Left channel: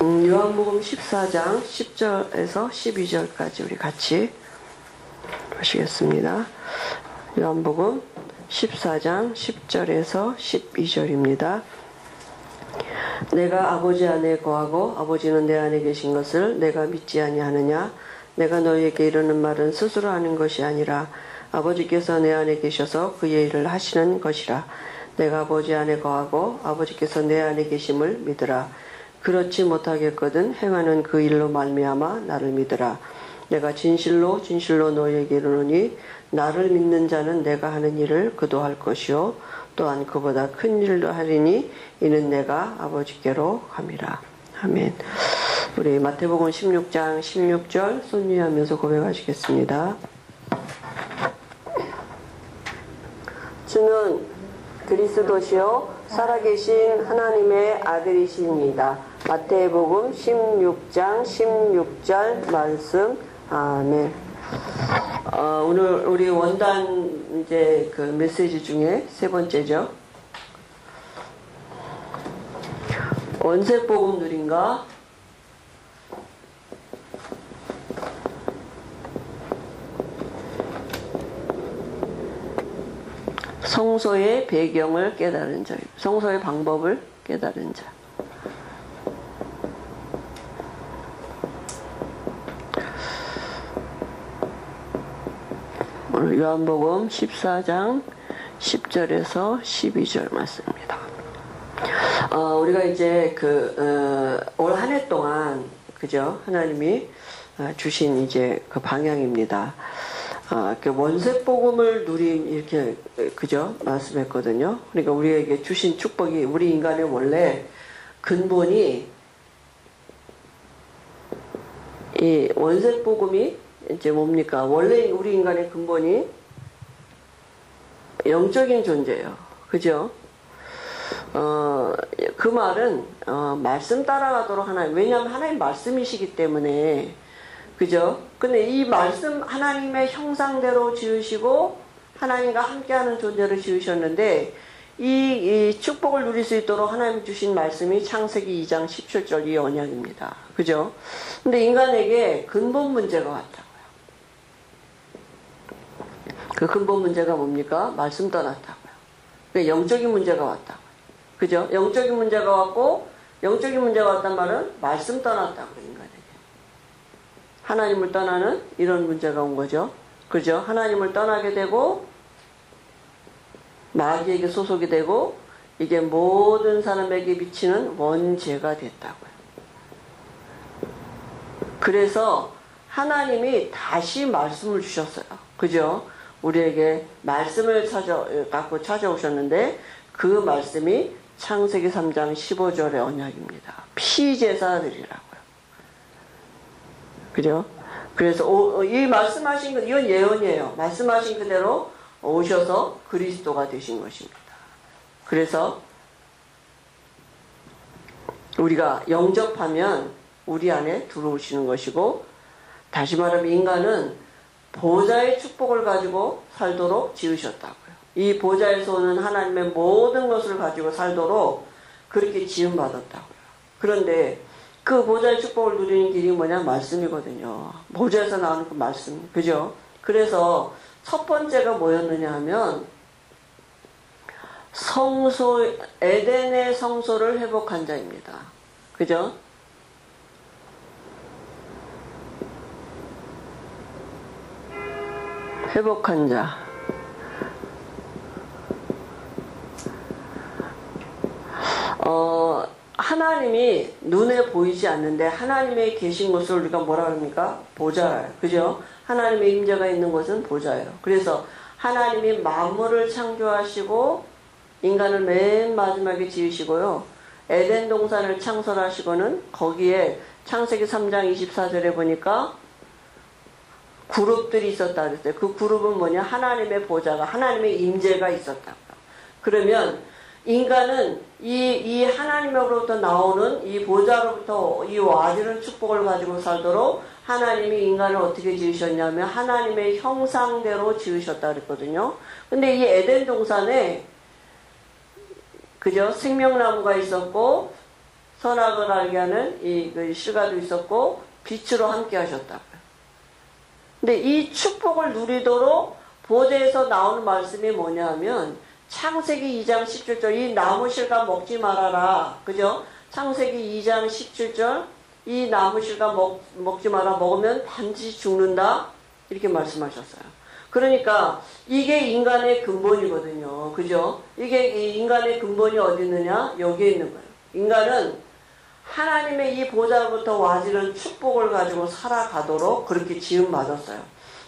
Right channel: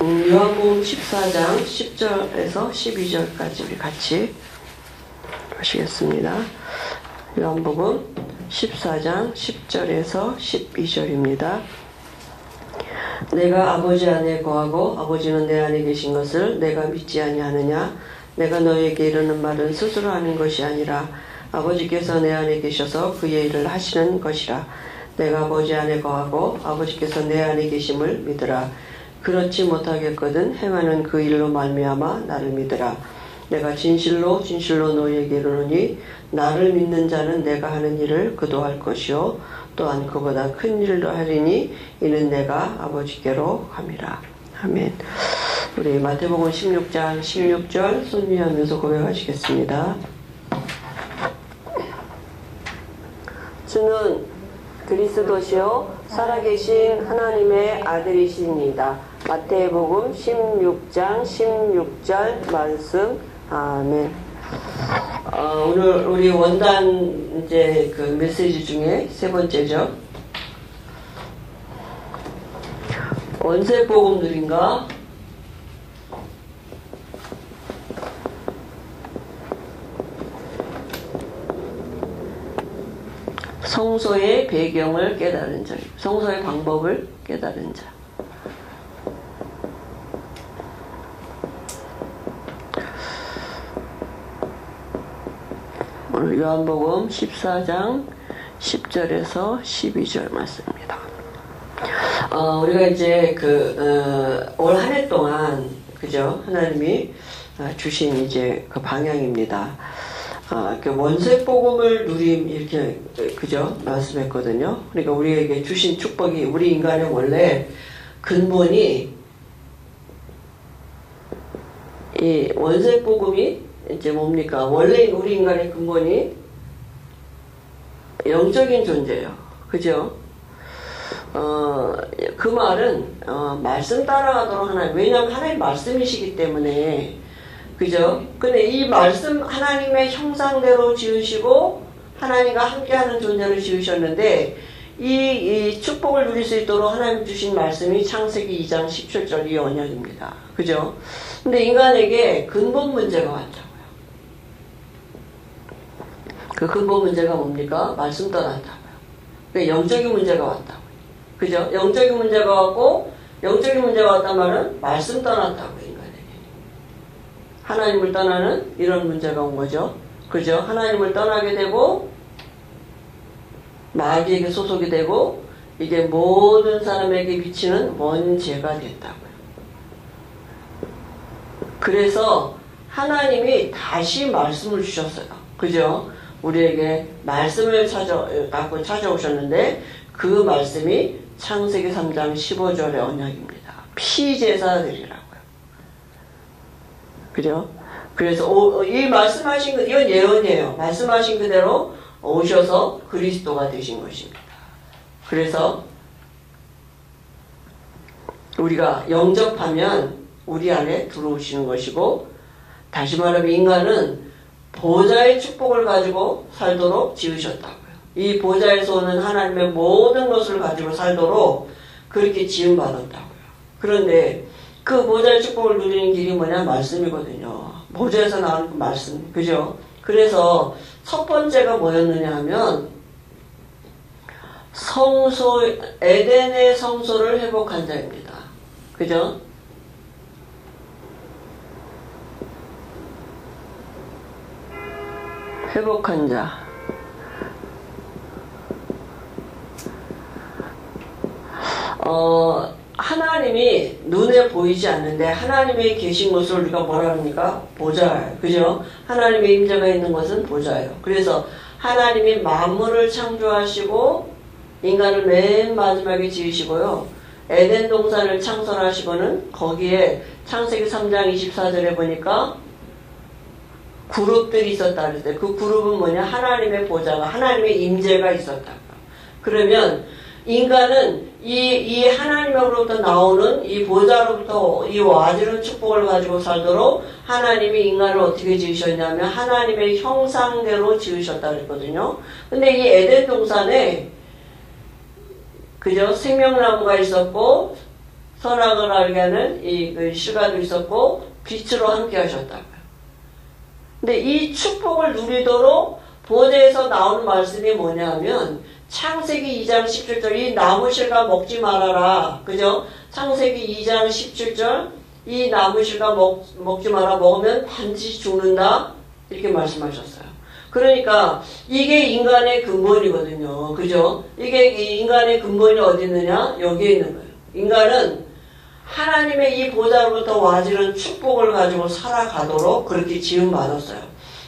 요한복음 14장 10절에서 12절까지 우리 같이 보시겠습니다. 요한복음 14장 10절에서 12절입니다. 내가 아버지 안에 거하고 아버지는 내 안에 계신 것을 내가 믿지 아니하느냐? 내가 너희에게 이르는 말은 스스로 하는 것이 아니라 아버지께서 내 안에 계셔서 그의 일을 하시는 것이라. 내가 아버지 안에 거하고 아버지께서 내 안에 계심을 믿으라. 그렇지 못하겠거든 행하는 그 일로 말미암아 나를 믿으라. 내가 진실로 진실로 너희에게 이르노니 나를 믿는 자는 내가 하는 일을 그도 할 것이요 또한 그보다 큰 일도 하리니 이는 내가 아버지께로 감이라. 아멘. 우리 마태복음 16장 16절 손 위하면서 고백하시겠습니다. 주는 그리스도시요 살아계신 하나님의 아들이시니이다. 마태복음 16장 16절 말씀. 아멘. 오늘 우리 원단 이제 그 메시지 중에 세 번째죠. 원색복음들인가? 성소의 배경을 깨달은 자, 성소의 방법을 깨달은 자. 오늘 요한복음 14장 10절에서 12절 말씀입니다. 우리가 이제 올 한 해 동안 그죠? 하나님이 주신 이제 그 방향입니다. 그 원색 복음을 누림 이렇게 그죠? 말씀했거든요. 그러니까 우리에게 주신 축복이 우리 인간의 원래 근본이 이 원색 복음이 이제 뭡니까? 원래 우리 인간의 근본이 영적인 존재예요. 그죠? 그 말은 말씀 따라가도록 하나님, 왜냐하면 하나님 말씀이시기 때문에 그죠? 근데 이 말씀 하나님의 형상대로 지으시고 하나님과 함께하는 존재를 지으셨는데 이 축복을 누릴 수 있도록 하나님 주신 말씀이 창세기 2장 17절 이 언약입니다. 그죠? 근데 인간에게 근본 문제가 왔다고요. 그 근본 문제가 뭡니까? 말씀 떠났다고요. 그러니까 영적인 문제가 왔다고요. 그죠? 영적인 문제가 왔고 영적인 문제가 왔단 말은 말씀 떠났다고요. 인간에게. 하나님을 떠나는 이런 문제가 온 거죠. 그죠? 하나님을 떠나게 되고 마귀에게 소속이 되고 이게 모든 사람에게 미치는 원죄가 됐다고요. 그래서 하나님이 다시 말씀을 주셨어요. 그죠? 우리에게 말씀을 갖고 찾아오셨는데 그 말씀이 창세기 3장 15절의 언약입니다. 피제사들이라고요. 그죠? 그래서 이 말씀하신 거 이건 예언이에요. 말씀하신 그대로 오셔서 그리스도가 되신 것입니다. 그래서 우리가 영접하면 우리 안에 들어오시는 것이고 다시 말하면 인간은 보좌의 축복을 가지고 살도록 지으셨다고요. 이 보좌에서 오는 하나님의 모든 것을 가지고 살도록 그렇게 지음받았다고요. 그런데 그 보좌의 축복을 누리는 길이 뭐냐? 말씀이거든요. 보좌에서 나오는 그 말씀. 그죠? 그래서 첫 번째가 뭐였느냐 하면 에덴의 성소를 회복한 자입니다. 그죠? 회복한 자. 하나님이 눈에 보이지 않는데 하나님이 계신 것을 우리가 뭐라 합니까? 보좌예요. 그죠? 하나님의 임재가 있는 것은 보좌예요. 그래서 하나님이 만물을 창조하시고 인간을 맨 마지막에 지으시고요. 에덴 동산을 창설하시고는 거기에 창세기 3장 24절에 보니까 그룹들이 있었다 그랬어요. 그 그룹은 뭐냐? 하나님의 보좌가, 하나님의 임재가 있었다고요. 그러면 인간은 이 하나님으로부터 나오는 이 보좌로부터 이 와지른 축복을 가지고 살도록 하나님이 인간을 어떻게 지으셨냐면 하나님의 형상대로 지으셨다 그랬거든요. 근데 이 에덴 동산에 그죠? 생명나무가 있었고 선악을 알게 하는 그 실과도 있었고 빛으로 함께 하셨다고요. 근데 이 축복을 누리도록 보좌에서 나오는 말씀이 뭐냐면 창세기 2장 17절 이 나무 실과 먹지 말아라. 그죠? 창세기 2장 17절 이 나무 실과 먹지 마라. 먹으면 반드시 죽는다. 이렇게 말씀하셨어요. 그러니까 이게 인간의 근본이거든요. 그죠? 이게 인간의 근본이 어디 있느냐? 여기에 있는 거예요. 인간은 하나님의 이 보좌로부터 와지는 축복을 가지고 살아가도록 그렇게 지음받았어요.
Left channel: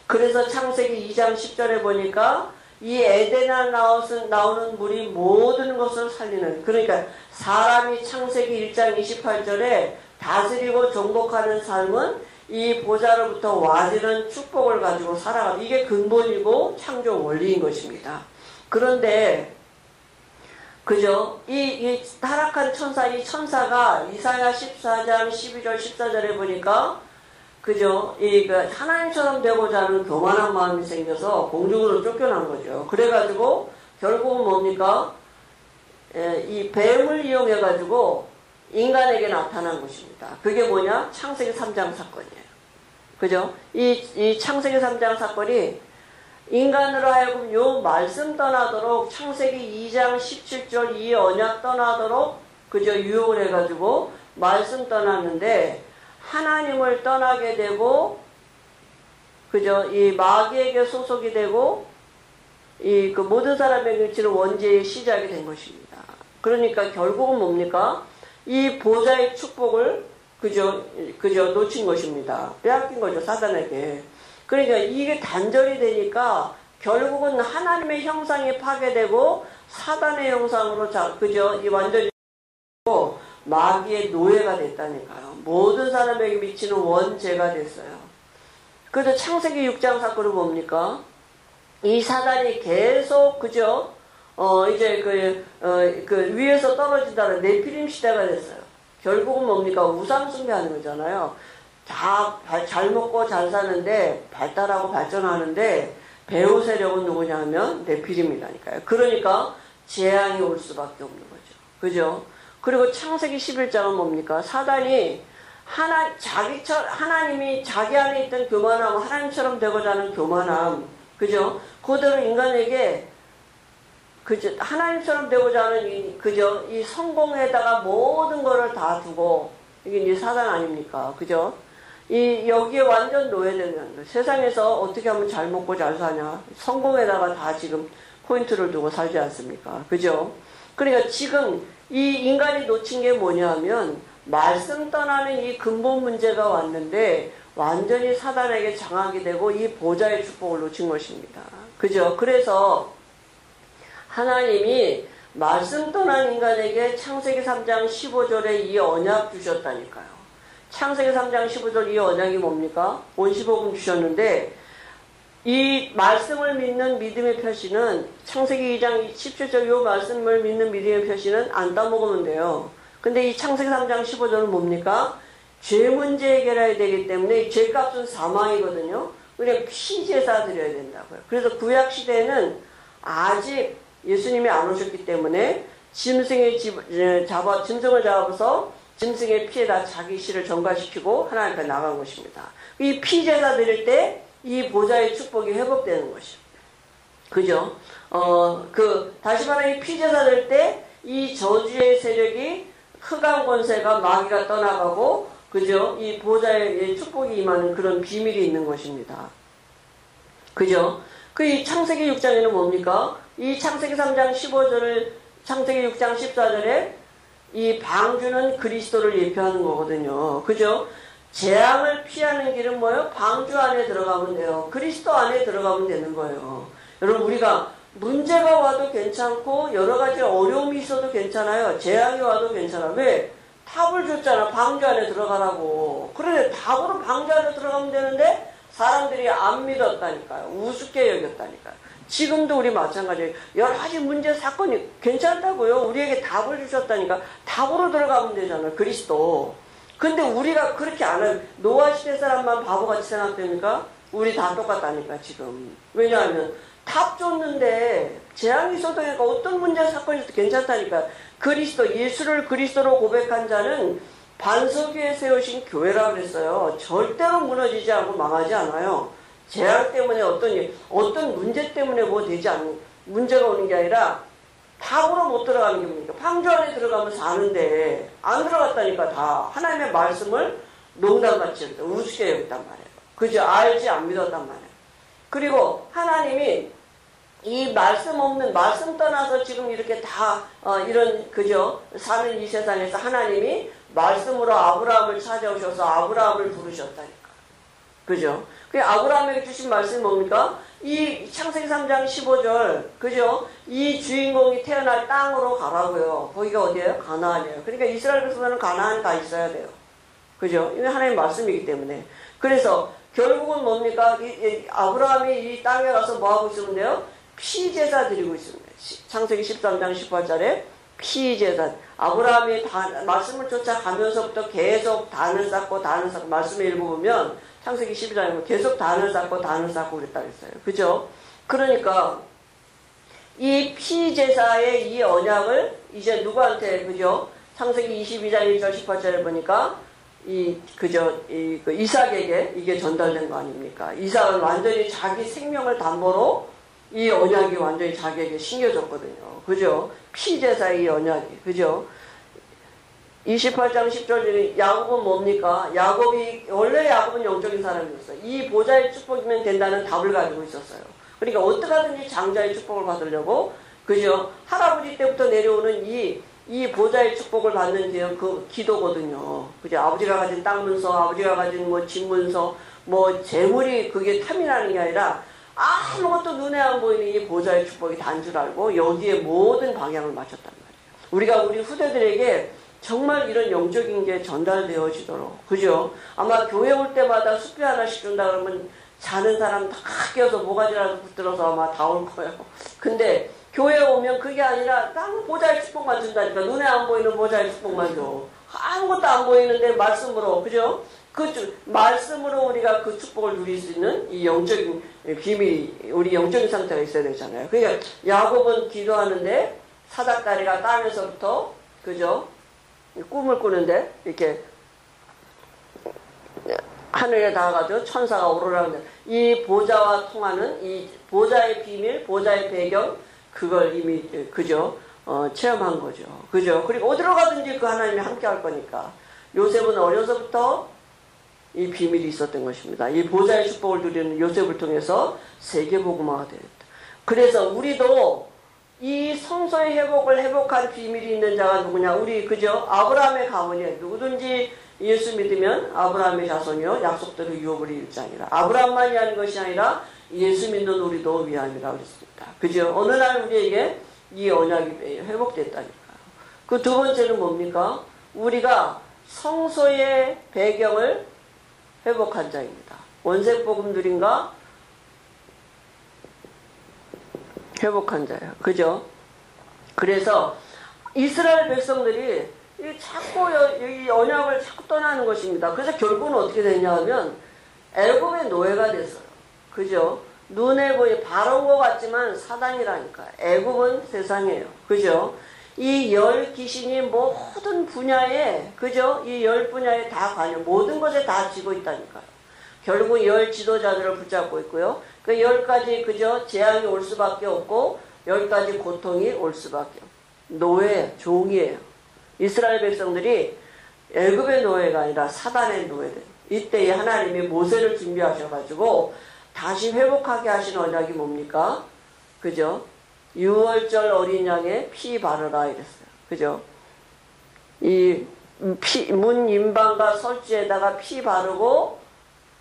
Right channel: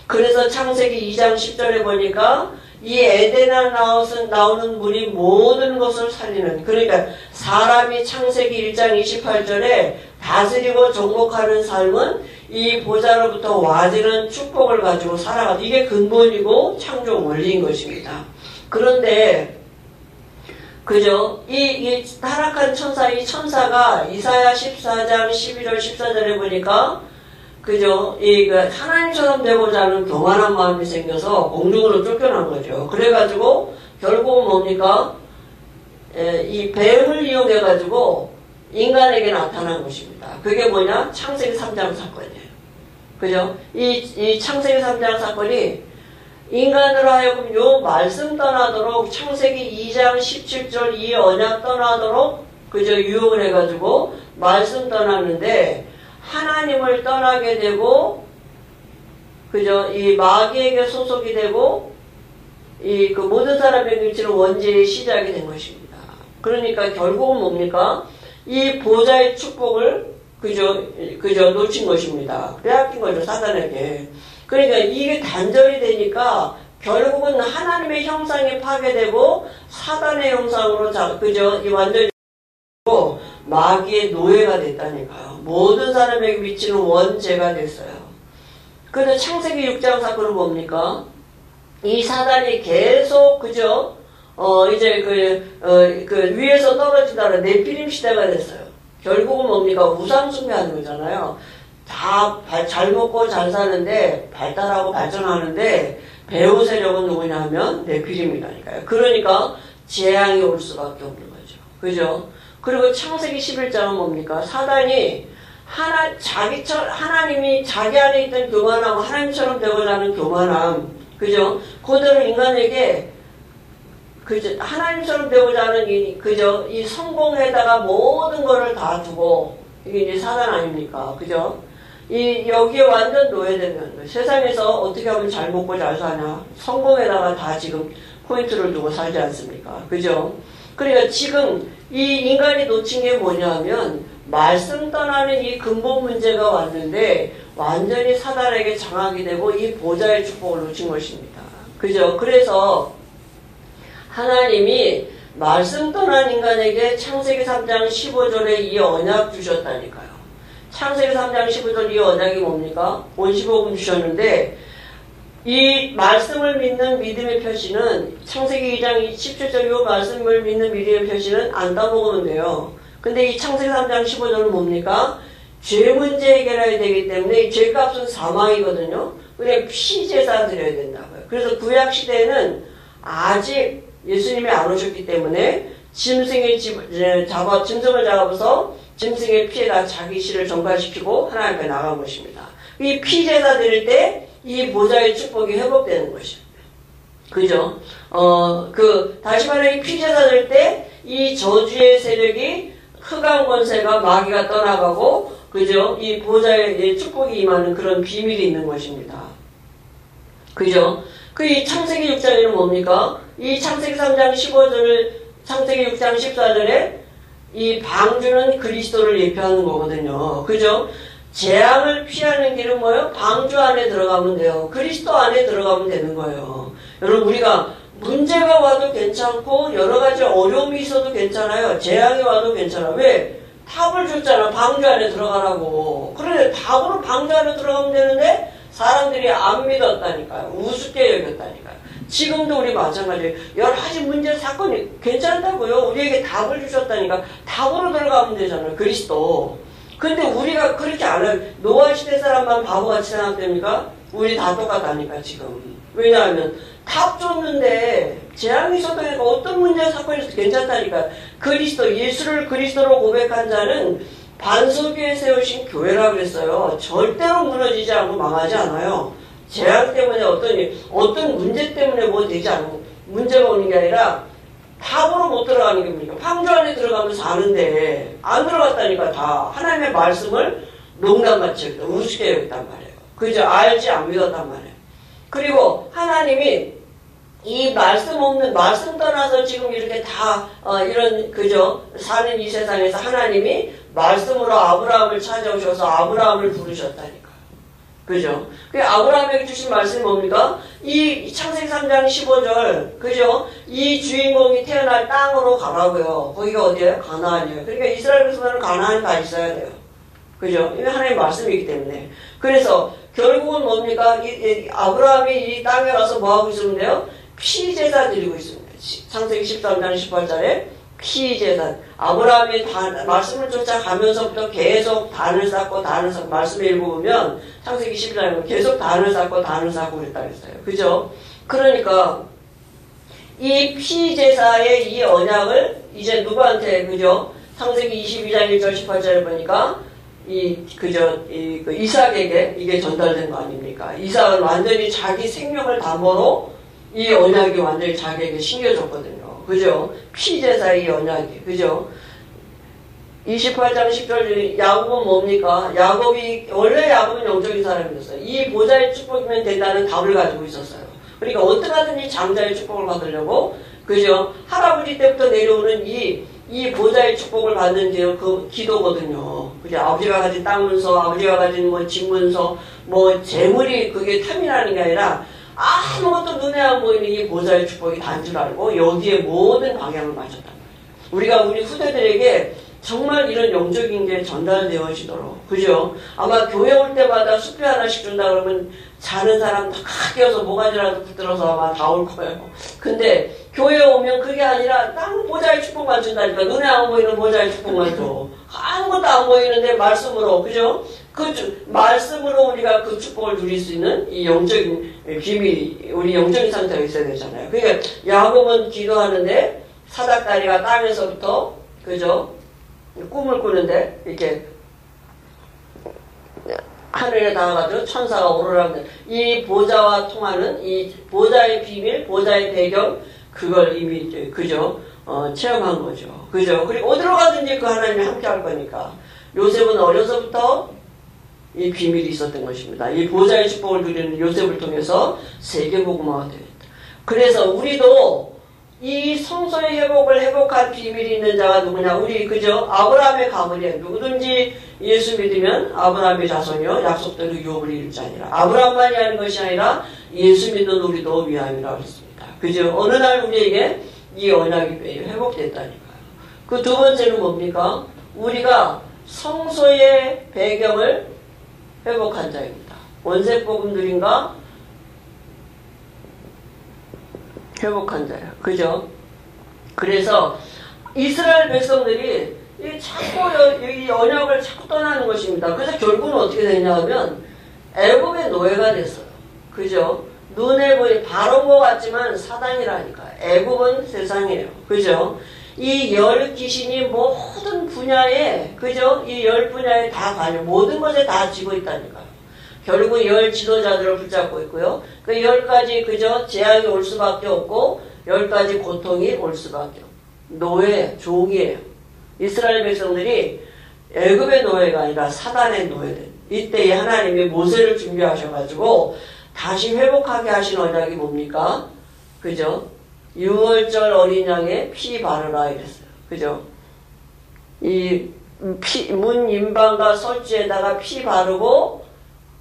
그래서 창세기 2장 10절에 보니까 이 에덴에 나오는 물이 모든 것을 살리는, 그러니까 사람이 창세기 1장 28절에 다스리고 정복하는 삶은 이 보좌로부터 와지는 축복을 가지고 살아가는, 이게 근본이고 창조 원리인 것입니다. 그런데 그죠? 이 타락한 천사, 이 천사가 이사야 14장 12절 14절에 보니까 그죠? 하나님처럼 되고자 하는 교만한 마음이 생겨서 공중으로 쫓겨난 거죠. 그래가지고 결국은 뭡니까? 이 뱀을 이용해가지고 인간에게 나타난 것입니다. 그게 뭐냐? 창세기 3장 사건이에요. 그죠? 이 창세기 3장 사건이 인간으로 하여금 요 말씀 떠나도록 창세기 2장 17절 이 언약 떠나도록 그저 유혹을 해가지고 말씀 떠났는데 하나님을 떠나게 되고 그저 이 마귀에게 소속이 되고 그 모든 사람에게 미치는 원죄의 시작이 된 것입니다. 그러니까 결국은 뭡니까? 이 보좌의 축복을 그저 놓친 것입니다. 빼앗긴 거죠, 사단에게. 그러니까 이게 단절이 되니까 결국은 하나님의 형상이 파괴되고 사단의 형상으로 그저 이 완전히 마귀의 노예가 됐다니까요. 모든 사람에게 미치는 원죄가 됐어요. 그래서 창세기 6장 사건은 뭡니까? 이 사단이 계속 그저 이제 그 위에서 떨어지다가 네피림 시대가 됐어요. 결국은 뭡니까? 우상 숭배하는 거잖아요. 다 잘 먹고 잘 사는데 발달하고 발전하는데 배후 세력은 누구냐 하면 네피림이라니까요. 그러니까 재앙이 올 수밖에 없는 거죠. 그죠? 그리고 창세기 11장은 뭡니까? 사단이 하나님이 자기 안에 있던 교만함, 하나님처럼 되고자 하는 교만함, 그죠? 그대로 인간에게 그저 하나님처럼 되고자 하는 이 성공에다가 모든 거를 다 두고, 이게 이제 사단 아닙니까? 그죠? 여기에 완전 노예되는 거예요. 세상에서 어떻게 하면 잘 먹고 잘 사냐? 성공에다가 다 지금 포인트를 두고 살지 않습니까? 그죠? 그러니까 지금 이 인간이 놓친 게 뭐냐면 말씀 떠나는 이 근본 문제가 왔는데 완전히 사단에게 장악이 되고 이 보좌의 축복을 놓친 것입니다. 그죠? 그래서 하나님이 말씀 떠난 인간에게 창세기 3장 15절에 이 언약 주셨다니까요. 창세기 3장 15절 이 언약이 뭡니까? 온시복음 주셨는데 이 말씀을 믿는 믿음의 표시는 창세기 2장 17절 이 말씀을 믿는 믿음의 표시는 안 따먹으면 돼요. 근데 이 창세기 3장 15절은 뭡니까? 죄 문제 해결해야 되기 때문에 이 죄값은 사망이거든요. 그냥 피제사 드려야 된다고요. 그래서 구약시대에는 아직 예수님이 안 오셨기 때문에 짐승을 잡아서 짐승의 피에다 자기 씨를 전가시키고 하나님 앞에 나간 것입니다. 이 피제사 드릴 때 이 보좌의 축복이 회복되는 것이에요. 그죠? 다시 말해 이 피제사 드릴 때 이 저주의 세력이 흑암 권세가 마귀가 떠나가고 그죠? 이 보좌의 축복이 임하는 그런 비밀이 있는 것입니다. 그죠? 이 창세기 6장에는 뭡니까? 이 창세기 3장 15절을 창세기 6장 14절에 이 방주는 그리스도를 예표하는 거거든요. 그죠? 재앙을 피하는 길은 뭐예요? 방주 안에 들어가면 돼요. 그리스도 안에 들어가면 되는 거예요. 여러분 우리가 문제가 와도 괜찮고 여러 가지 어려움이 있어도 괜찮아요. 재앙이 와도 괜찮아. 왜? 답을 줬잖아. 방주 안에 들어가라고. 그런데 답으로 방주 안에 들어가면 되는데 사람들이 안 믿었다니까요. 우습게 여겼다니까요. 지금도 우리 마찬가지예요. 여러 가지 문제 사건이 괜찮다고요. 우리에게 답을 주셨다니까. 답으로 들어가면 되잖아요. 그리스도. 근데 우리가 그렇게 안 해요. 노아 시대 사람만 바보같이 생각됩니까? 우리 다 똑같다니까 지금. 왜냐하면 답 줬는데 재앙이 있었다니까 어떤 문제 사건이 있어도 괜찮다니까. 그리스도 예수를 그리스도로 고백한 자는 반석 위에 세우신 교회라고 그랬어요. 절대로 무너지지 않고 망하지 않아요. 재앙 때문에 어떤 문제 때문에 뭐 되지 않고 문제가 오는 게 아니라 답으로 못 들어가는 겁니까? 방주 안에 들어가면 사는데 안 들어갔다니까. 다 하나님의 말씀을 농담같이 여겼다. 우습게 여겼단 말이에요. 그저 알지 안 믿었단 말이에요. 그리고 하나님이 이 말씀 없는 말씀 떠나서 지금 이렇게 다 이런 그저 사는 이 세상에서 하나님이 말씀으로 아브라함을 찾아오셔서 아브라함을 부르셨다니까요. 그죠? 그 아브라함에게 주신 말씀이 뭡니까? 이 창세기 3장 15절, 그죠? 이 주인공이 태어날 땅으로 가라고요. 거기가 어디예요? 가나안이에요. 그러니까 이스라엘 백성들은 가나안에 가 있어야 돼요. 그죠? 이게 하나님의 말씀이기 때문에. 그래서 결국은 뭡니까? 아브라함이 이 땅에 가서 뭐하고 있으면 돼요? 피제사 드리고 있습니다. 창세기 13장 18절에 피제사. 아브라함이 말씀을 쫓아가면서부터 계속 단을 쌓고 말씀을 읽어보면 창세기 12장에 계속 단을 쌓고 그랬다 그랬어요. 그죠? 그러니까 이 피제사의 이 언약을 이제 누구한테, 그죠? 창세기 22장 1절 18절에 보니까 이삭에게 이게 전달된 거 아닙니까? 이삭은 완전히 자기 생명을 담보로 이 언약이 완전히 자기에게 신겨졌거든요. 그죠? 피제사의 이 언약이. 그죠? 28장 10절 야곱은 뭡니까? 원래 야곱은 영적인 사람이었어요. 이 보좌의 축복이면 된다는 답을 가지고 있었어요. 그러니까 어떻게 하든지 장자의 축복을 받으려고, 그죠? 할아버지 때부터 내려오는 이 보좌의 축복을 받는 게 그 기도거든요. 그죠? 아버지가 가진 땅 문서, 아버지가 가진 뭐 집 문서, 뭐 재물이 그게 탐이 나는 게 아니라 아무것도 눈에 안 보이는 이 보좌의 축복이 단 줄 알고 여기에 모든 방향을 맞췄단 말이에요. 우리가 우리 후대들에게 정말 이런 영적인 게 전달되어지도록. 그죠? 아마 교회 올 때마다 수표 하나씩 준다 그러면 자는 사람 다 깎여서 모가지라도 붙들어서 아마 다 올 거예요. 근데 교회에 오면 그게 아니라 딱 보좌의 축복만 준다니까. 눈에 안 보이는 보좌의 축복만 줘. 아무것도 안 보이는데 말씀으로. 그죠? 말씀으로 우리가 그 축복을 누릴 수 있는 이 영적인 비밀이, 우리 영적인 상태가 있어야 되잖아요. 그러니까 야곱은 기도하는데 사닥다리가 땅에서부터, 그죠? 꿈을 꾸는데 이렇게 하늘에 닿아가지고 천사가 오르라는데 이 보좌와 통하는 이 보좌의 비밀, 보좌의 배경, 그걸 이미 그죠? 체험한 거죠. 그죠? 그리고 어디로 가든지 그 하나님이 함께 할 거니까. 요셉은 어려서부터 이 비밀이 있었던 것입니다. 이 보좌의 축복을 누리는 요셉을 통해서 세계복음화가 되었다. 그래서 우리도 이 성소의 회복한 비밀이 있는 자가 누구냐? 우리 그죠? 아브라함의 가문이에요. 누구든지 예수 믿으면 아브라함의 자손이요 약속대로 유업을 이룰 자니라. 아브라함만이 하는 것이 아니라 예수 믿는 우리도 위함이라고 그랬습니다. 그죠? 어느 날 우리에게 이 언약이 회복됐다니까요. 그 두 번째는 뭡니까? 우리가 성소의 배경을 회복한 자입니다. 원색복음 누린가? 회복한 자예요. 그죠? 그래서 이스라엘 백성들이 자꾸 이 언약을 자꾸 떠나는 것입니다. 그래서 결국은 어떻게 되냐 하면 애굽의 노예가 됐어요. 그죠? 눈에 보이 바로인 것 같지만 사단이라니까. 애굽은 세상이에요. 그죠? 이 열 귀신이 모든 분야에, 그죠? 이 열 분야에 다 관여, 모든 것에 다 쥐고 있다니까요. 결국 열 지도자들을 붙잡고 있고요. 그 10가지, 그죠? 재앙이 올 수밖에 없고, 10가지 고통이 올 수밖에 없고. 노예, 종이에요. 이스라엘 백성들이 애굽의 노예가 아니라 사단의 노예들. 이때 하나님이 모세를 준비하셔가지고, 다시 회복하게 하신 언약이 뭡니까? 그죠? 6월절 어린 양의 피 바르라 이랬어요. 그죠? 문 인방과 설주에다가 피 바르고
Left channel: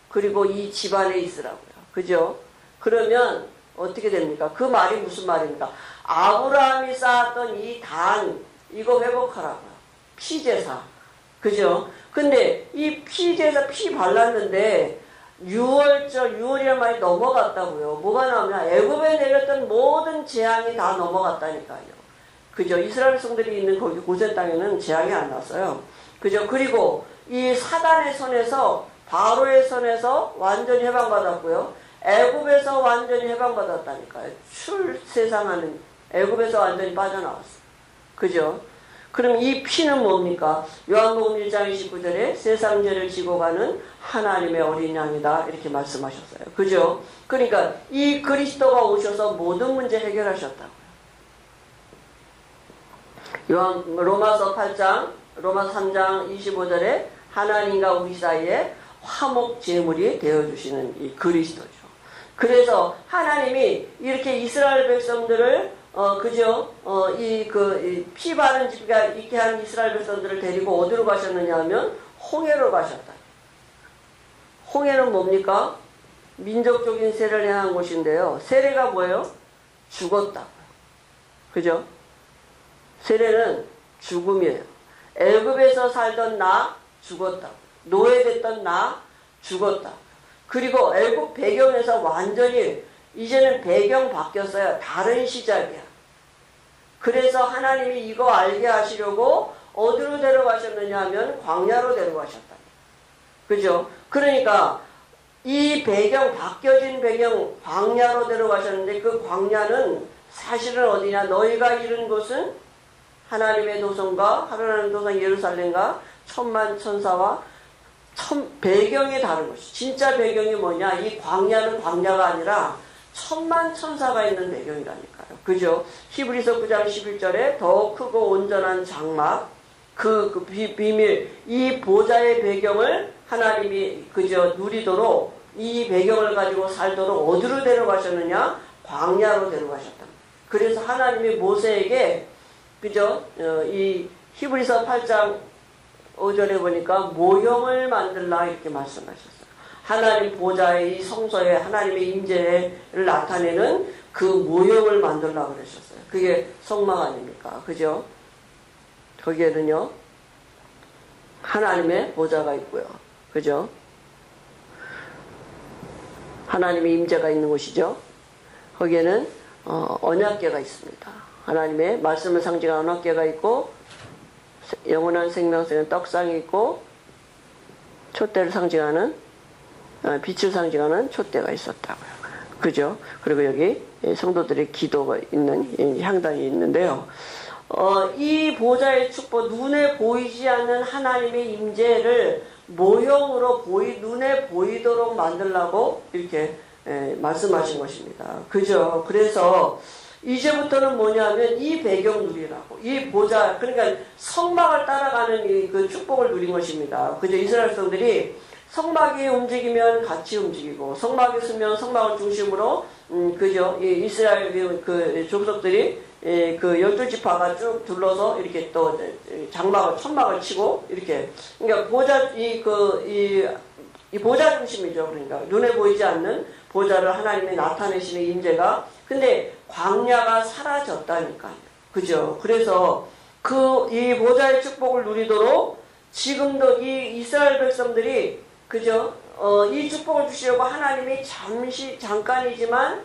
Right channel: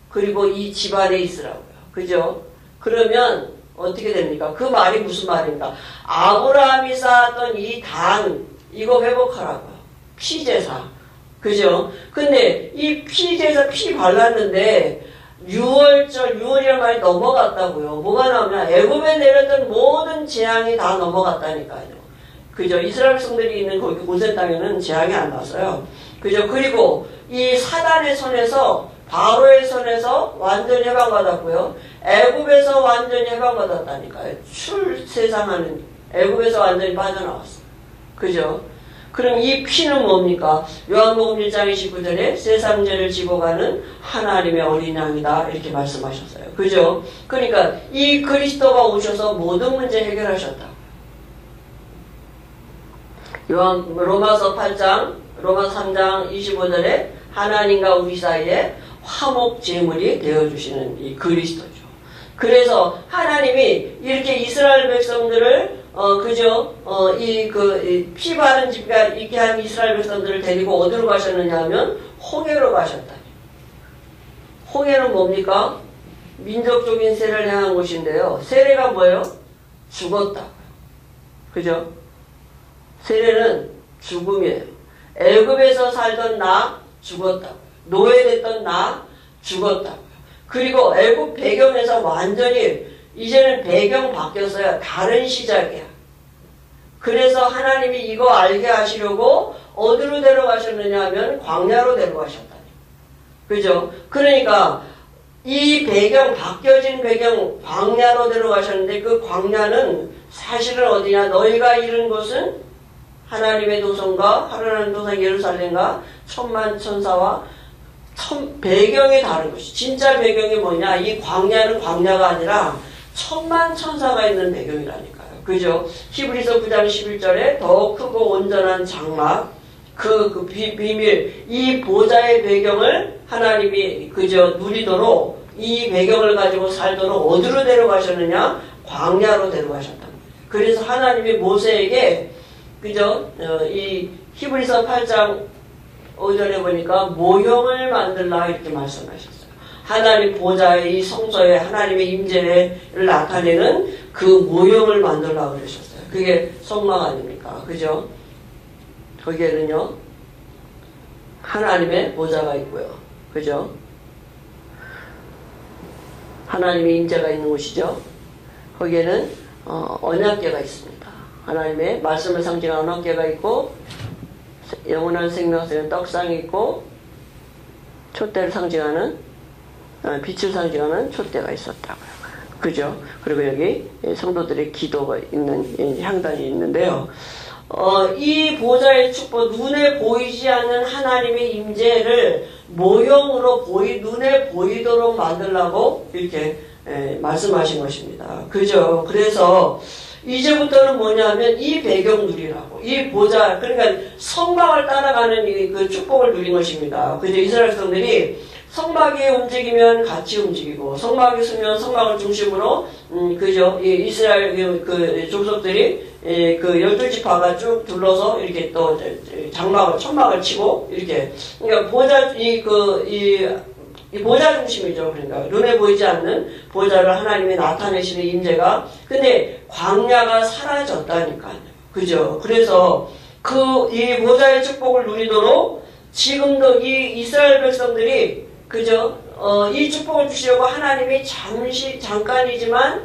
그리고 이 집안에 있으라고요. 그죠? 그러면 어떻게 됩니까? 그 말이 무슨 말입니까? 아브라함이 쌓았던 이 단 이거 회복하라고요. 피제사. 그죠? 근데 이 피제사 피 발랐는데 6월이란 말이 넘어갔다고요. 뭐가 나오냐? 애굽에 내렸던 모든 재앙이 다 넘어갔다니까요. 그죠? 이스라엘 백성들이 있는 거기 고센 땅에는 재앙이 안 났어요. 그죠? 그리고 이 사단의 손에서 바로의 손에서 완전히 해방받았고요. 애굽에서 완전히 해방받았다니까요. 출세상하는 애굽에서 완전히 빠져나왔어요. 그죠? 그럼 이 피는 뭡니까? 요한복음 1장 29절에 세상 죄를 지고 가는 하나님의 어린 양이다 이렇게 말씀하셨어요. 그죠? 그러니까 이 그리스도가 오셔서 모든 문제 해결하셨다고요. 로마서 8장, 로마 3장 25절에 하나님과 우리 사이에 화목 제물이 되어주시는 이 그리스도죠. 그래서 하나님이 이렇게 이스라엘 백성들을 피 바른 집가 있게 한 이스라엘 백성들을 데리고 어디로 가셨느냐 하면 홍해로 가셨다. 홍해는 뭡니까? 민족적인 세례를 향한 곳인데요. 세례가 뭐예요? 죽었다고요. 그죠? 세례는 죽음이에요. 애굽에서 살던 나 죽었다고요. 노예됐던 나 죽었다고요. 그리고 애굽 배경에서 완전히 이제는 배경 바뀌었어요. 다른 시작이야. 그래서 하나님이 이거 알게 하시려고 어디로 데려가셨느냐 하면 광야로 데려가셨다니. 그죠? 그러니까 이 배경, 바뀌어진 배경 광야로 데려가셨는데 그 광야는 사실은 어디냐? 너희가 이른 곳은 하나님의 도성과 하나님의 도성 예루살렘과 천만 천사와 배경이 다른 것이. 진짜 배경이 뭐냐? 이 광야는 광야가 아니라 천만 천사가 있는 배경이라니까요. 그죠? 히브리서 9장 11절에 더 크고 온전한 장막, 비밀, 이 보좌의 배경을 하나님이 누리도록 이 배경을 가지고 살도록 어디로 데려가셨느냐? 광야로 데려가셨단 말이에요. 그래서 하나님이 모세에게 이 히브리서 8장 5절에 보니까 모형을 만들라 이렇게 말씀하셨어요. 하나님 보좌의 이 성소에 하나님의 임재를 나타내는 그 모형을 만들라고 그러셨어요. 그게 성막 아닙니까? 그죠? 거기에는요, 하나님의 보좌가 있고요. 그죠? 하나님의 임재가 있는 곳이죠. 거기에는 언약궤가 있습니다. 하나님의 말씀을 상징하는 언약궤가 있고 영원한 생명성의 떡상이 있고 촛대를 상징하는 빛을 상징하는 촛대가 있었다고요. 그죠? 그리고 여기 성도들의 기도가 있는 향단이 있는데요. 이 보좌의 축복, 눈에 보이지 않는 하나님의 임재를 모형으로 눈에 보이도록 만들라고 이렇게 말씀하신 것입니다. 그죠? 그래서 이제부터는 뭐냐면 이 배경 누리라고. 이 보좌, 그러니까 성막을 따라가는 그 축복을 누린 것입니다. 그죠? 이스라엘 백성들이 성막이 움직이면 같이 움직이고, 성막이 서면 성막을 중심으로, 그죠? 이 이스라엘 그 족속들이 그 12지파가 쭉 둘러서 이렇게 또 천막을 치고, 이렇게. 그러니까 이 보좌 중심이죠. 그러니까 눈에 보이지 않는 보좌를 하나님이 나타내시는 임재가. 근데 광야가 사라졌다니까요. 그죠? 그래서 이 보좌의 축복을 누리도록 지금도 이 이스라엘 백성들이 그죠? 이 축복을 주시려고 하나님이 잠깐이지만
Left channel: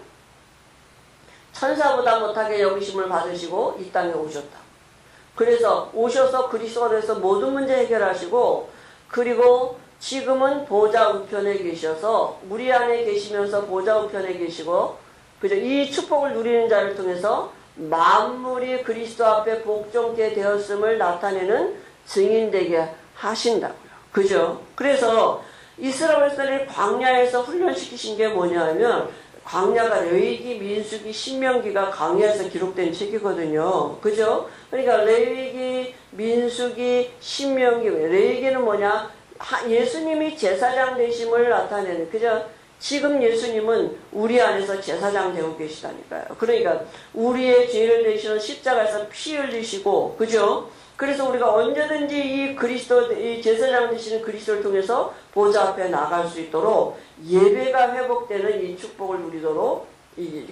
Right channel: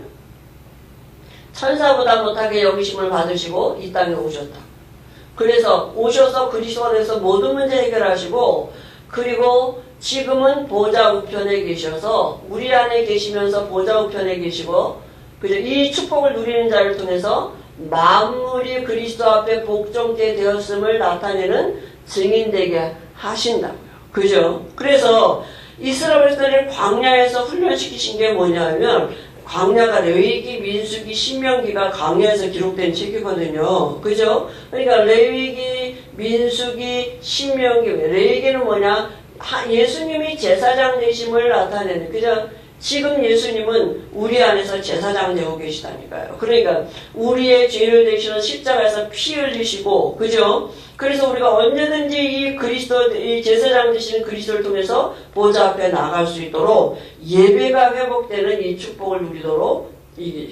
천사보다 못하게 여기심을 받으시고 이 땅에 오셨다. 그래서 오셔서 그리스도가 돼서 모든 문제 해결하시고, 그리고 지금은 보좌 우편에 계셔서 우리 안에 계시면서 보좌 우편에 계시고, 그죠? 이 축복을 누리는 자를 통해서 만물이 그리스도 앞에 복종케 되었음을 나타내는 증인되게 하신다고요. 그죠? 그래서 이스라엘 백성을 광야에서 훈련시키신 게 뭐냐면, 광야가 레위기, 민수기, 신명기가 광야에서 기록된 책이거든요. 그죠? 그러니까 레위기, 민수기, 신명기, 레위기는 뭐냐? 예수님이 제사장 되심을 나타내는, 그죠? 지금 예수님은 우리 안에서 제사장 되고 계시다니까요. 그러니까 우리의 죄를 대신하는 십자가에서 피 흘리시고, 그죠? 그래서 우리가 언제든지 이 제사장 되시는 그리스도를 통해서 보좌 앞에 나갈 수 있도록 예배가 회복되는 이 축복을 누리도록,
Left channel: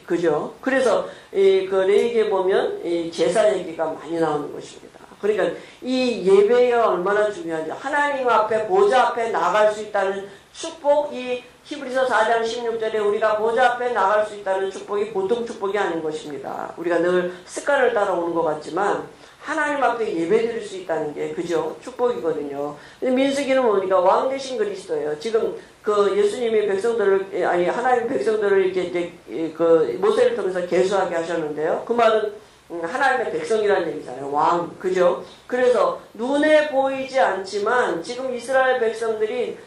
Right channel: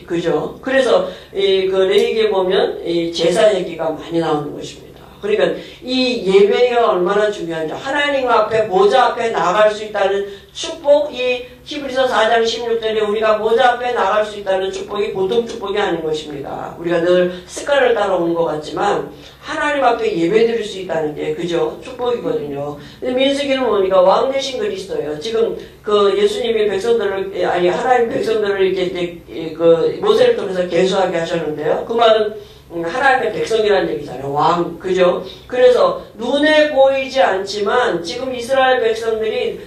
그죠? 그래서 그 레위기에 보면 이 제사 얘기가 많이 나오는 것입니다. 그러니까 이 예배가 얼마나 중요한지, 하나님 앞에 보좌 앞에 나갈 수 있다는 축복, 이 히브리서 4장 16절에 우리가 보좌 앞에 나갈 수 있다는 축복이 보통 축복이 아닌 것입니다. 우리가 늘 습관을 따라오는 것 같지만 하나님 앞에 예배 드릴 수 있다는 게 그죠? 축복이거든요. 근데 민수기는 뭡니까? 왕 대신 그리스도예요. 지금 그 예수님이 백성들을, 아니 하나님 백성들을 이렇게 이제 그 모세를 통해서 계수하게 하셨는데요. 그 말은 하나님의 백성이라는 얘기잖아요. 왕, 그죠? 그래서 눈에 보이지 않지만 지금 이스라엘 백성들이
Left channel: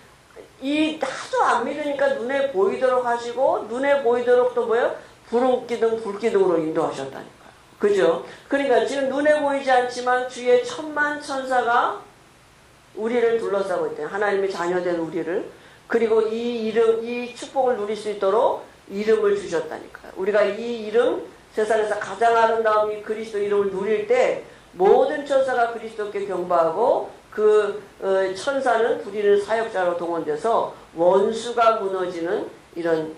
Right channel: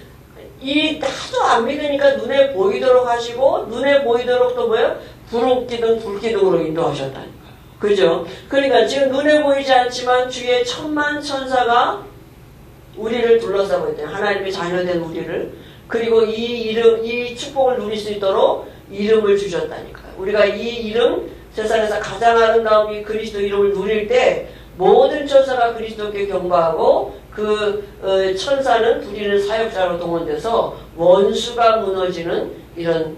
이 하도 안 믿으니까 눈에 보이도록 하시고, 눈에 보이도록 또 뭐예요? 불기둥, 불기둥으로 인도하셨다니까요. 그죠? 그러니까 지금 눈에 보이지 않지만 주의 천만 천사가 우리를 둘러싸고 있대요. 하나님의 자녀된 우리를. 그리고 이 축복을 누릴 수 있도록 이름을 주셨다니까요. 우리가 이 이름, 세상에서 가장 아름다운 이 그리스도 이름을 누릴 때 모든 천사가 그리스도께 경배하고 그 천사는 부리는 사역자로 동원돼서 원수가 무너지는 이런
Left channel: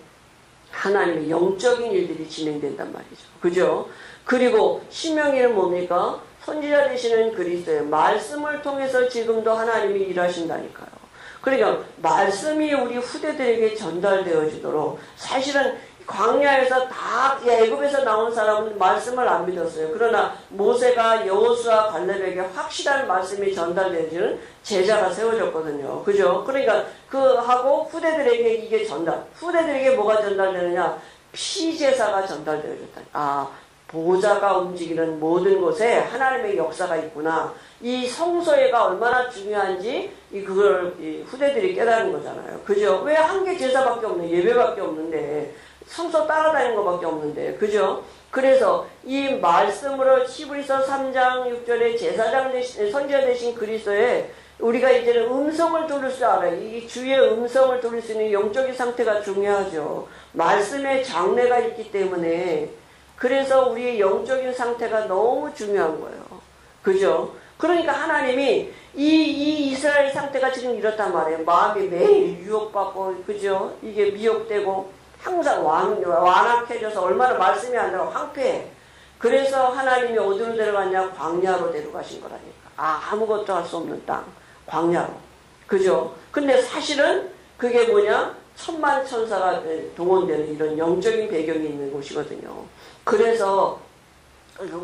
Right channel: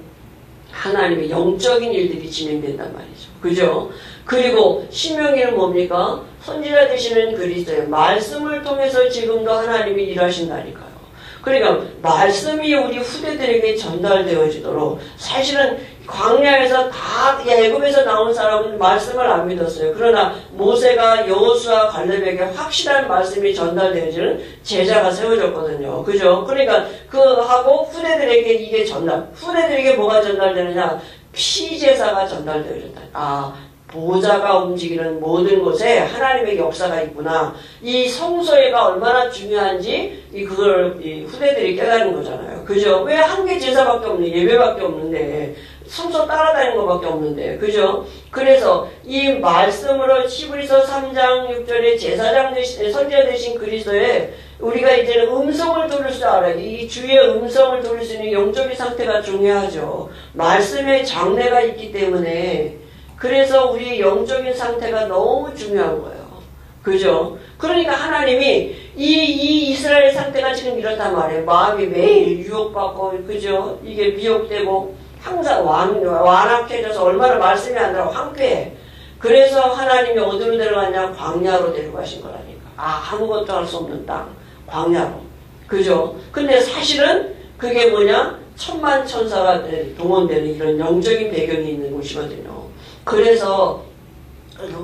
하나님의 영적인 일들이 진행된단 말이죠. 그죠? 그리고 신명기는 뭡니까? 선지자 되시는 그리스도의 말씀을 통해서 지금도 하나님이 일하신다니까요. 그러니까 말씀이 우리 후대들에게 전달되어지도록, 사실은 광야에서 다 애굽에서 나온 사람은 말씀을 안 믿었어요. 그러나 모세가 여호수아 갈렙에게 확실한 말씀이 전달되어지는 제자가 세워졌거든요. 그죠? 그러니까 하고 후대들에게 이게 후대들에게 뭐가 전달되느냐? 피제사가 전달되어졌다. 보좌가 움직이는 모든 곳에 하나님의 역사가 있구나. 이 성소회가 얼마나 중요한지 그걸 후대들이 깨달은 거잖아요. 그죠? 왜 한 개 제사밖에 없는, 예배밖에 없는데, 성소 따라다니는 것밖에 없는데, 그죠? 그래서 이 말씀으로 히브리서 3장 6절에 제사장 대신, 선지자 대신 그리스도에 우리가 이제는 음성을 들을 줄 알아요. 이 주의 음성을 들을 수 있는 영적인 상태가 중요하죠. 말씀의 장래가 있기 때문에. 그래서 우리의 영적인 상태가 너무 중요한 거예요. 그죠? 그러니까 하나님이 이 이스라엘 상태가 지금 이렇단 말이에요. 마음이 매일 유혹받고, 그죠? 이게 미혹되고 항상 완악해져서 얼마나 말씀이 안 들어 황폐해. 그래서 하나님이 어디로 데려갔냐? 광야로 데려가신 거라니까. 아무것도 할 수 없는 땅, 광야로. 그죠? 근데 사실은 그게 뭐냐? 천만 천사가 동원되는 이런 영적인 배경이 있는 곳이거든요. 그래서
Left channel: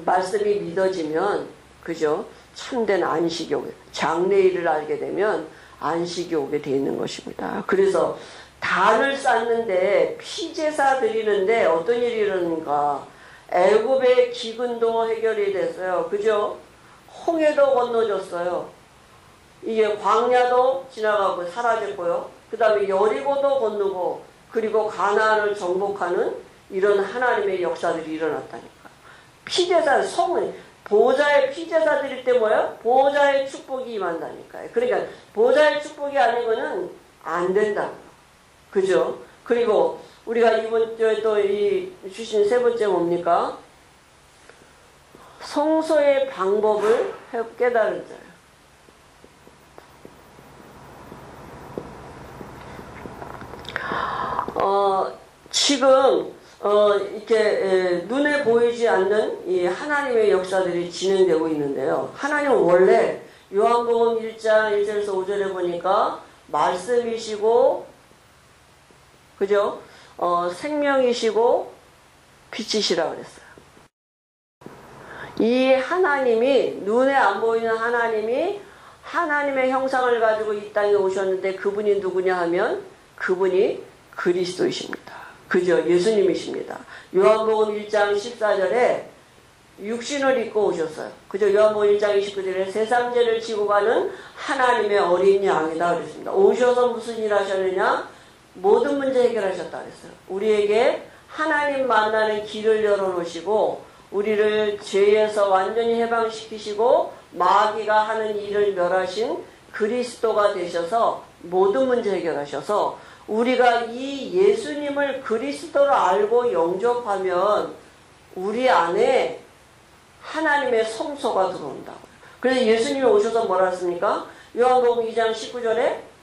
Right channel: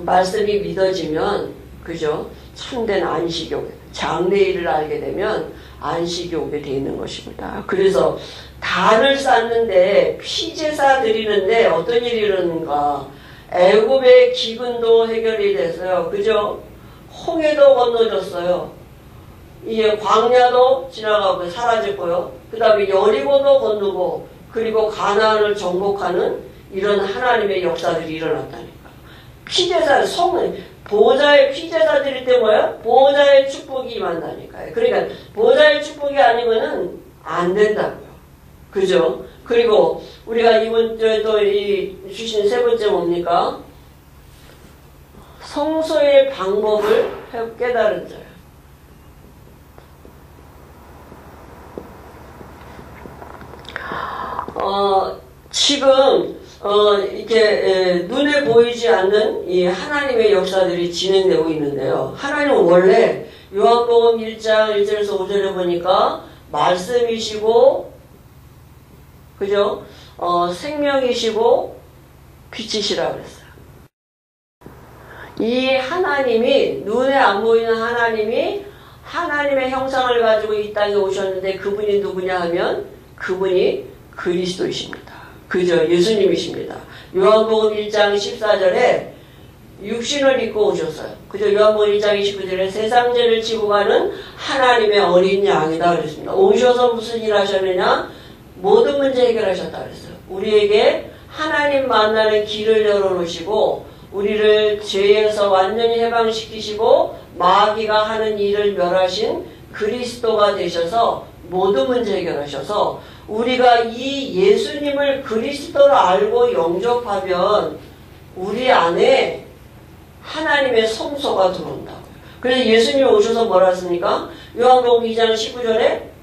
말씀이 믿어지면, 그죠? 참된 안식이 오게, 장래일을 알게 되면 안식이 오게 돼 있는 것입니다. 그래서 단을 쌓는데 피제사 드리는데 어떤 일이 일어나는가? 애굽의 기근도 해결이 됐어요. 그죠? 홍해도 건너졌어요. 이게 광야도 지나가고 사라졌고요. 그 다음에 여리고도 건너고, 그리고 가나안을 정복하는 이런 하나님의 역사들이 일어났다니까요. 피제사, 보좌의 피제사 드릴 때 뭐예요? 보좌의 축복이 임한다니까요. 그러니까 보좌의 축복이 아니고는 안 된다고요. 그죠? 그리고 우리가 이번 주에 또 주신 세 번째 뭡니까? 성소의 방법을 깨달은 자예요. 지금 이렇게 눈에 보이지 않는 이 하나님의 역사들이 진행되고 있는데요. 하나님은 원래 요한복음 1장 1절에서 5절에 보니까 말씀이시고, 그죠? 생명이시고 빛이시라 그랬어요. 이 하나님이, 눈에 안 보이는 하나님이 하나님의 형상을 가지고 이 땅에 오셨는데 그분이 누구냐 하면 그분이 그리스도이십니다. 그죠? 예수님이십니다. 요한복음 1장 14절에 육신을 입고 오셨어요. 그죠? 요한복음 1장 29절에 세상 죄를 지고 가는 하나님의 어린 양이다 그랬습니다. 오셔서 무슨 일 하셨느냐? 모든 문제 해결하셨다 그랬어요. 우리에게 하나님 만나는 길을 열어놓으시고 우리를 죄에서 완전히 해방시키시고 마귀가 하는 일을 멸하신 그리스도가 되셔서 모든 문제 해결하셔서 우리가 이 예수님을 그리스도로 알고 영접하면 우리 안에 하나님의 성소가 들어온다고요. 그래서 예수님이 오셔서 뭐라 했습니까? 요한복음 2장 19절에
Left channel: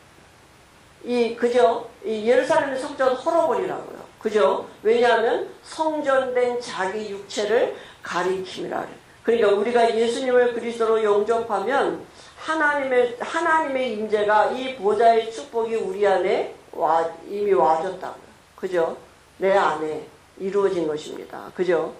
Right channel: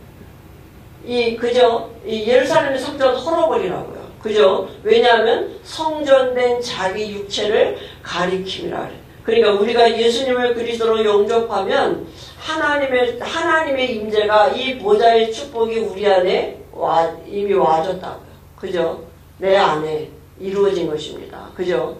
그죠? 이 예루살렘의 성전 헐어버리라고요. 그죠? 왜냐하면 성전된 자기 육체를 가리킴이라 그래요. 그러니까 우리가 예수님을 그리스도로 영접하면 하나님의 임재가 이 보좌의 축복이 우리 안에 이미 와졌다고요. 그죠? 내 안에 이루어진 것입니다. 그죠?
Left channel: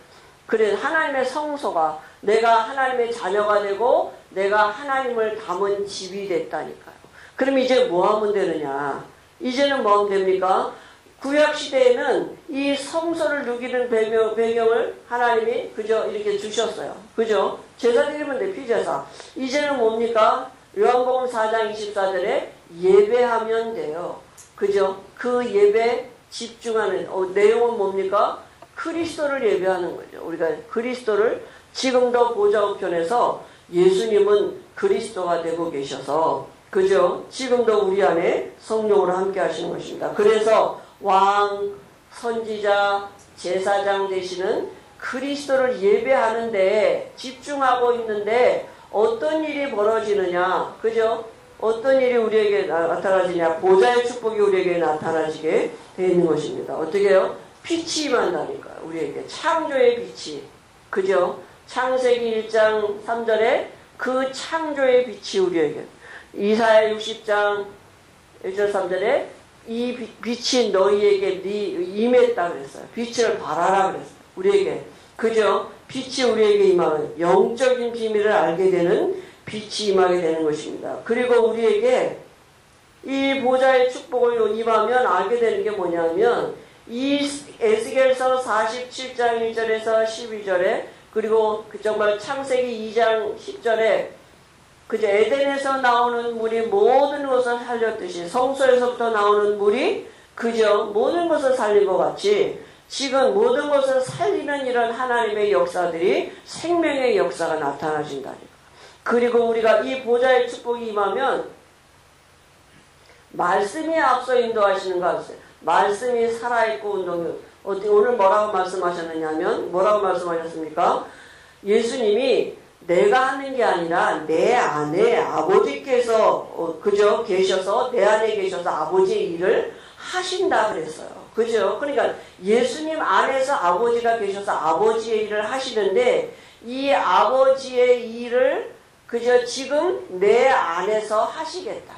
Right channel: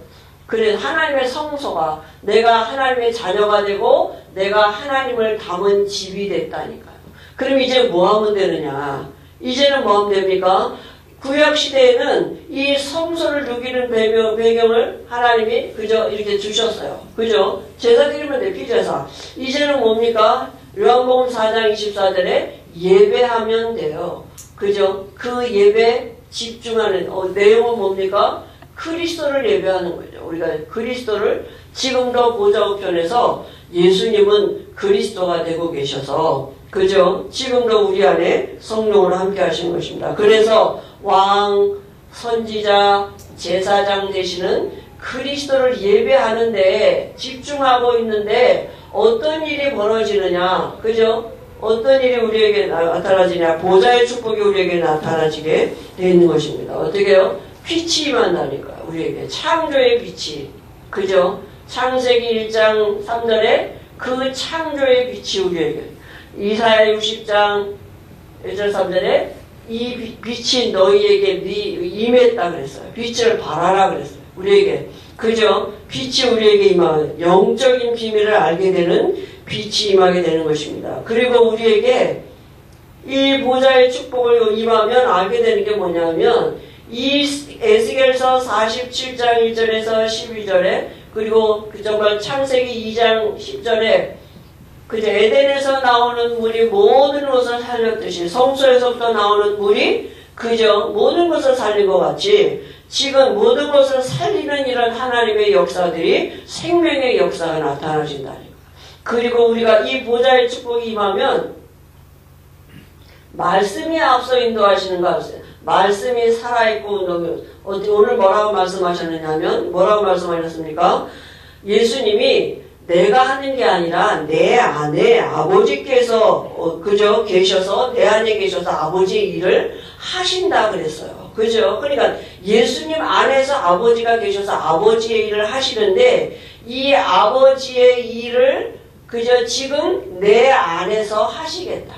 그래서 하나님의 성소가 내가 하나님의 자녀가 되고 내가 하나님을 담은 집이 됐다니까요. 그럼 이제 뭐 하면 되느냐? 이제는 뭐 하면 됩니까? 구약시대에는 이 성소를 누기는 배경을 하나님이 그저 이렇게 주셨어요. 그죠? 제사 드리면 돼, 피제사. 이제는 뭡니까? 요한복음 4장 24절에 예배하면 돼요. 그죠? 그 예배 집중하는 내용은 뭡니까? 그리스도를 예배하는 거죠. 우리가 그리스도를 지금도 보좌 우편에서 예수님은 그리스도가 되고 계셔서 그죠? 지금도 우리 안에 성령으로 함께 하시는 것입니다. 그래서 왕, 선지자, 제사장 되시는 그리스도를 예배하는데 집중하고 있는데 어떤 일이 벌어지느냐? 그죠? 어떤 일이 우리에게 나타나지냐? 보좌의 축복이 우리에게 나타나지게 되어 있는 것입니다. 어떻게 해요? 빛이 임한다니까요. 우리에게 창조의 빛이. 그죠? 창세기 1장 3절에 그 창조의 빛이 우리에게. 이사야 60장 1절 3절에 이 빛이 너희에게 임했다 그랬어요. 빛을 발하라 그랬어요. 우리에게. 그죠? 빛이 우리에게 임하면 영적인 비밀을 알게 되는 빛이 임하게 되는 것입니다. 그리고 우리에게 이 보좌의 축복을 임하면 알게 되는 게 뭐냐면 이 에스겔서 47장 1절에서 12절에 그리고 정말 창세기 2장 10절에 그저 에덴에서 나오는 물이 모든 것을 살렸듯이 성소에서부터 나오는 물이 그저 모든 것을 살린 것 같이 지금 모든 것을 살리는 이런 하나님의 역사들이 생명의 역사가 나타나진다니까. 그리고 우리가 이 보좌의 축복이 임하면 말씀이 앞서 인도하시는 거 아세요? 말씀이 살아있고 운동이 오늘 뭐라고 말씀하셨느냐면 뭐라고 말씀하셨습니까? 예수님이 내가 하는 게 아니라 내 안에 아버지께서 그저 계셔서 내 안에 계셔서 아버지의 일을 하신다 그랬어요. 그죠? 그러니까 예수님 안에서 아버지가 계셔서 아버지의 일을 하시는데 이 아버지의 일을 그저 지금 내 안에서 하시겠다.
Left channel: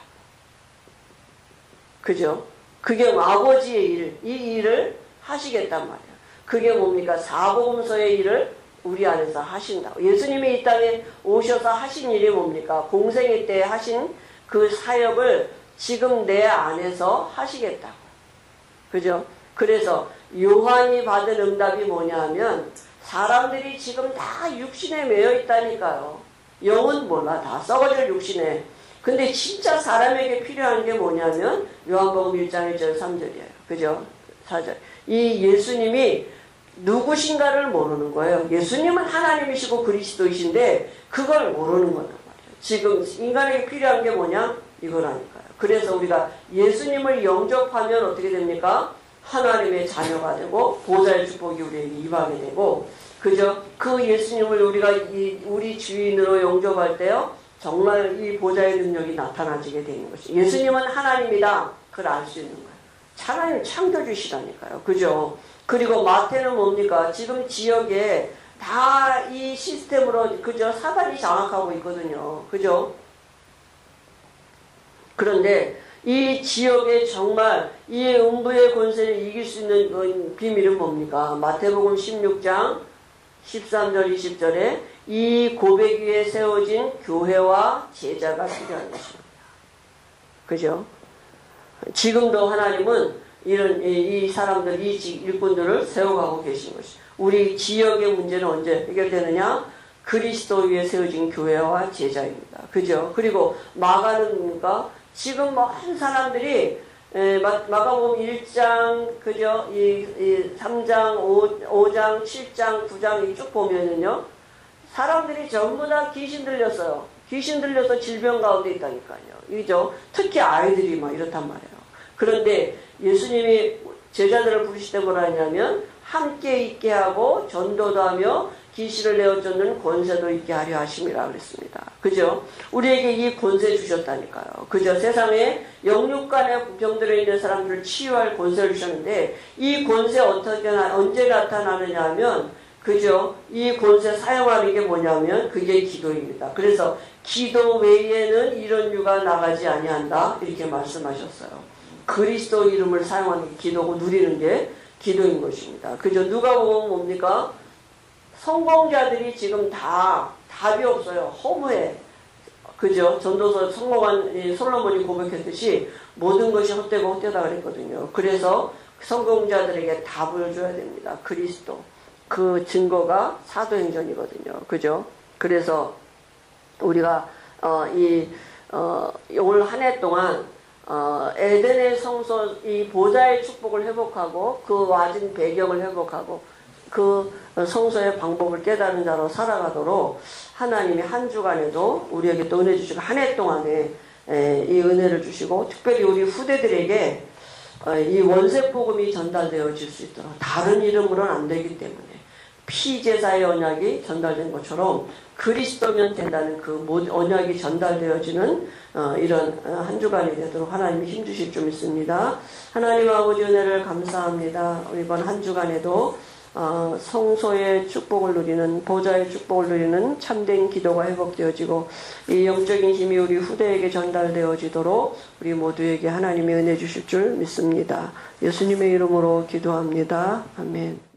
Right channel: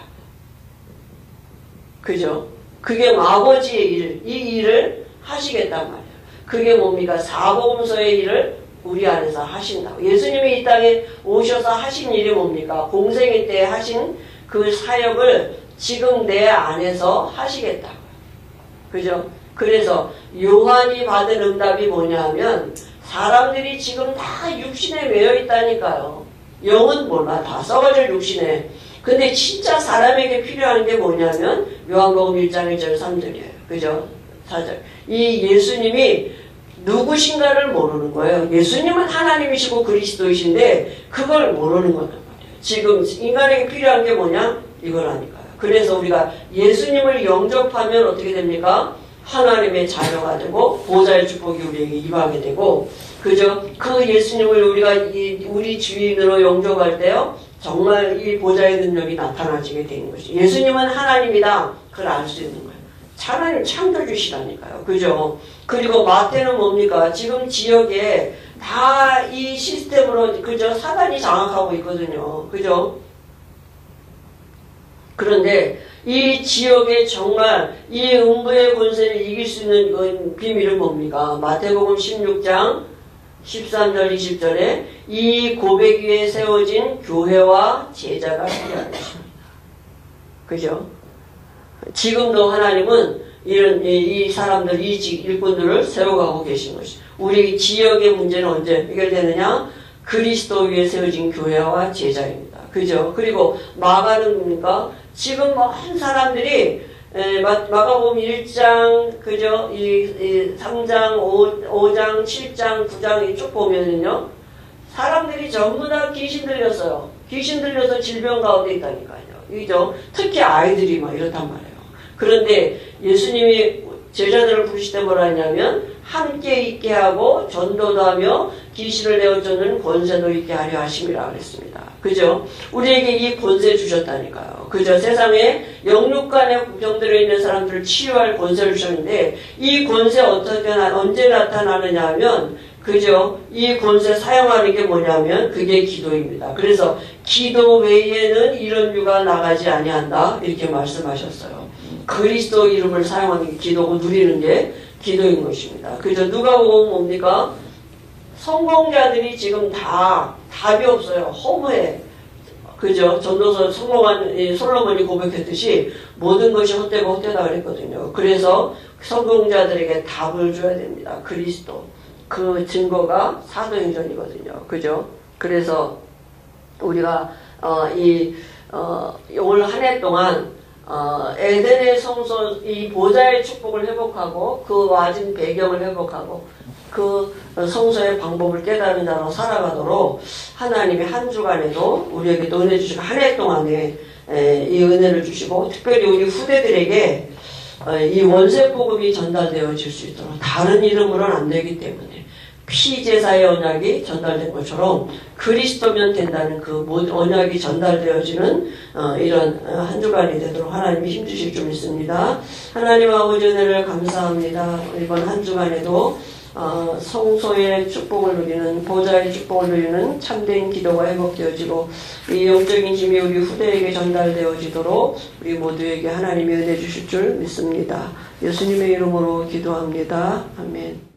그죠? 그게 아버지의 일, 이 일을 하시겠단 말이야. 그게 뭡니까? 사복음서의 일을 우리 안에서 하신다고. 예수님이 이 땅에 오셔서 하신 일이 뭡니까? 공생애 때 하신 그 사역을 지금 내 안에서 하시겠다고요. 그죠? 그래서 요한이 받은 응답이 뭐냐 하면 사람들이 지금 다 육신에 매여 있다니까요. 영은 몰라. 다 썩어질 육신에. 근데 진짜 사람에게 필요한 게 뭐냐면 요한복음 1장 1절 3절이에요. 그죠? 4절. 이 예수님이 누구신가를 모르는 거예요. 예수님은 하나님이시고 그리스도이신데 그걸 모르는 거란 말이에요. 지금 인간에게 필요한 게 뭐냐? 이거라니까요. 그래서 우리가 예수님을 영접하면 어떻게 됩니까? 하나님의 자녀가 되고 보좌의 축복이 우리에게 임하게 되고 그죠? 그 예수님을 우리가 우리 주인으로 영접할 때요. 정말 이 보좌의 능력이 나타나지게 되는 것이. 예수님은 하나님이다. 그걸 알 수 있는 거예요. 하나님 창조주시라니까요. 그죠? 그리고 마태는 뭡니까? 지금 지역에 다 이 시스템으로 그죠? 사단이 장악하고 있거든요. 그죠? 그런데 이 지역에 정말 이 음부의 권세를 이길 수 있는 비밀은 뭡니까? 마태복음 16장 13절 20절에 이 고백 위에 세워진 교회와 제자가 필요한 것입니다. 그죠? 지금도 하나님은 이 사람들, 이 일꾼들을 세워가고 계신 것이. 우리 지역의 문제는 언제 해결되느냐? 그리스도 위에 세워진 교회와 제자입니다. 그죠? 그리고 마가는 뭡니까? 지금 많은 사람들이 마가복음 1장, 그죠? 3장, 5장, 7장, 9장 쭉 보면은요. 사람들이 전부 다 귀신 들렸어요. 귀신 들려서 질병 가운데 있다니까요. 이죠? 특히 아이들이 막 이렇단 말이에요. 그런데 예수님이 제자들을 부르실 때 뭐라 했냐면 함께 있게 하고 전도도 하며 귀신을 내어쫓는 권세도 있게 하려 하심이라 그랬습니다. 그죠? 우리에게 이 권세 주셨다니까요. 그죠? 세상에 영육간의 병들어 있는 사람들을 치유할 권세를 주셨는데 이 권세 언제 나타나느냐 하면 그죠? 이 권세 사용하는 게 뭐냐면 그게 기도입니다. 그래서 기도 외에는 이런 유가 나가지 아니한다 이렇게 말씀하셨어요. 그리스도 이름을 사용하는 게 기도고 누리는 게 기도인 것입니다. 그죠? 누가복음 뭡니까? 성공자들이 지금 다 답이 없어요. 허무해. 그죠? 전도서 성공한 솔로몬이 고백했듯이 모든 것이 헛되고 헛되다 그랬거든요. 그래서 성공자들에게 답을 줘야 됩니다. 그리스도. 그 증거가 사도행전이거든요. 그죠? 그래서 우리가 올 한 해 동안 에덴의 성소 이 보좌의 축복을 회복하고 그 와진 배경을 회복하고 그 성소의 방법을 깨달은 자로 살아가도록 하나님이 한 주간에도 우리에게 또 은혜 주시고 한 해 동안에 이 은혜를 주시고 특별히 우리 후대들에게 이 원색복음이 전달되어질 수 있도록 다른 이름으로는 안 되기 때문에 피제사의 언약이 전달된 것처럼 그리스도면 된다는 그 언약이 전달되어지는 이런 한 주간이 되도록 하나님이 힘주실 줄 믿습니다. 하나님 아버지 은혜를 감사합니다. 이번 한 주간에도 성소의 축복을 누리는 보좌의 축복을 누리는 참된 기도가 회복되어지고 이 영적인 힘이 우리 후대에게 전달되어지도록 우리 모두에게 하나님이 은혜 주실 줄 믿습니다. 예수님의 이름으로 기도합니다. 아멘.